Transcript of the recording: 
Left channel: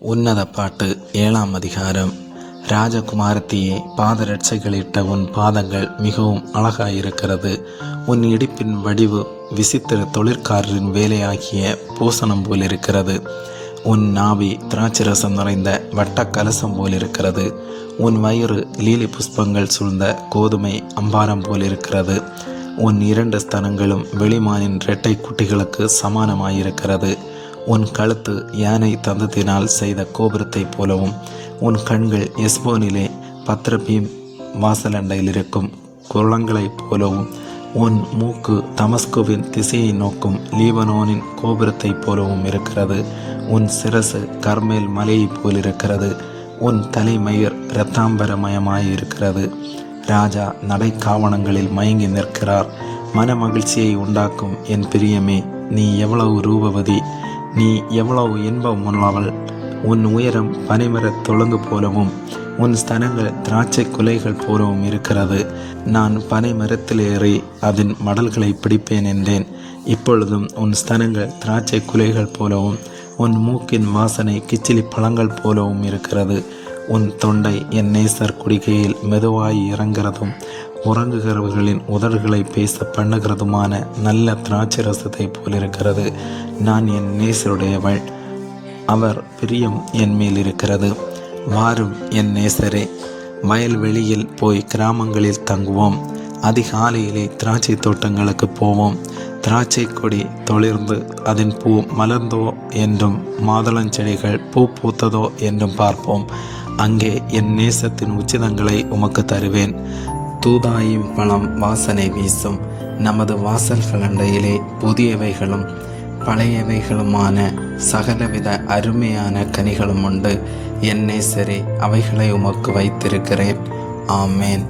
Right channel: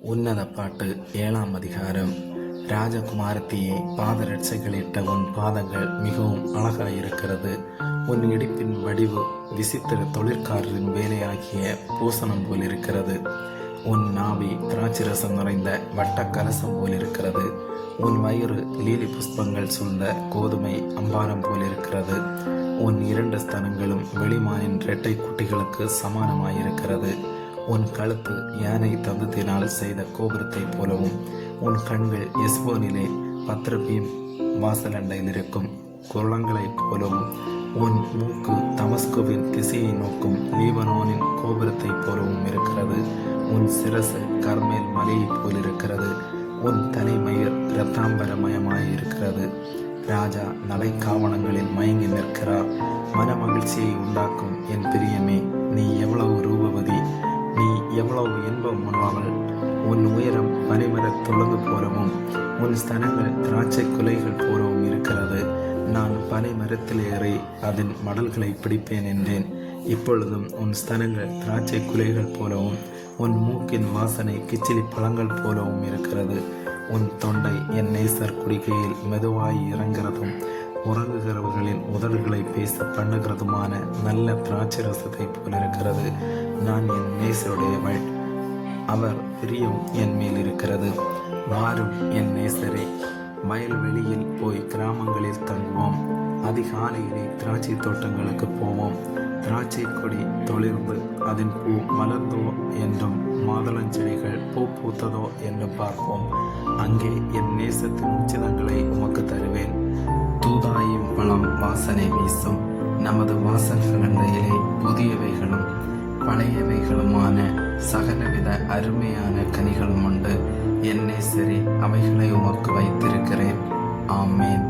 உன்னத பாட்டு 7ஆம் அதிகாரம். ராஜகுமாரத்தியே, பாதரட்சைகளிட்ட உன் பாதங்கள் மிகவும் அழகாயிருக்கிறது. உன் இடுப்பின் வடிவு விசித்திர தொழிற்காரரின் வேலையாகிய பூசணம் போலிருக்கிறது. உன் நாவி திராட்சரசம் நிறைந்த வட்ட கலசம் போலிருக்கிறது. உன் வயிறு லீலி புஷ்பங்கள் சூழ்ந்த கோதுமை அம்பாரம் போலிருக்கிறது. உன் 2 ஸ்தனங்களும் வெளிமானின் இரட்டை குட்டிகளுக்கு சமானமாயிருக்கிறது. உன் கழுத்து யானை தந்தத்தினால் செய்த கோபுரத்தைப் போலவும், உன் கண்கள் எஸ்போனிலே பத்ரபீம் வாசலண்டையில் இருக்கும் குளங்களைப் போலவும், உன் மூக்கு தமஸ்குவின் திசையை நோக்கும் லீபனோனின் கோபுரத்தைப் போலவும் இருக்கிறது. உன் சிரசு கர்மேல் மலையைப் போலிருக்கிறது. உன் தலைமயிர் இரத்தாம்பரமயமாயிருக்கிறது. ராஜா நடைக்காவணங்களில் மயங்கி நிற்கிறார். மன மகிழ்ச்சியை உண்டாக்கும் என் பிரியமே, நீ எவ்வளவு ரூபவதி, நீ எவ்வளவு இன்பம் உள்ளவள். உன் உயரம் பனைமரத் தொழுங்கு போலவும், உன் ஸ்தனங்கள் திராட்சை குலைகள் போலவும் இருக்கிறது. நான் பனைமரத்தில் ஏறி அதன் மடல்களை பிடிப்பேன் என்றேன். இப்பொழுதும் உன் ஸ்தனங்கள் திராட்சை குலைகள் போலவும், உன் மூக்கின் வாசனை கிச்சிலி பழங்கள் போலவும் இருக்கிறது. உன் தொண்டை என் நேசர் குடிகையில் மெதுவாய் இறங்கிறதும், உறங்குகிறவர்களின் உதடுகளை பேச பண்ணுகிறதுமான நல்ல திராட்சை ரசத்தை போலிருக்கிறது. நான் என் நேசருடையவள், அவர் பிரியம் என் மேல் இருக்கிறது. வாரும் என் நேசரே, வயல்வெளியில் போய் கிராமங்களில் தங்குவோம். அதிகாலையிலே திராட்சை தோட்டங்களுக்கு போவோம். திராட்சை கொடி தொளிர்ந்து அதன் பூ மலர்ந்தோ என்றும், மாதுளஞ்செடிகள் பூ பூத்ததோ என்றும் பார்ப்போம். அங்கே என் நேசத்தின் உச்சிதங்களை உமக்கு தருவேன். தூதாயும் பழம் வாசனை வீசும். நமது வாசல்கள் அண்டையிலே புதியவைகளும் பழையவைகளுமான சகலவித அருமையான கனிகளும் உண்டு. என் நேசரே, அவைகளை உமக்கு வைத்திருக்கிறேன். ஆமேன்.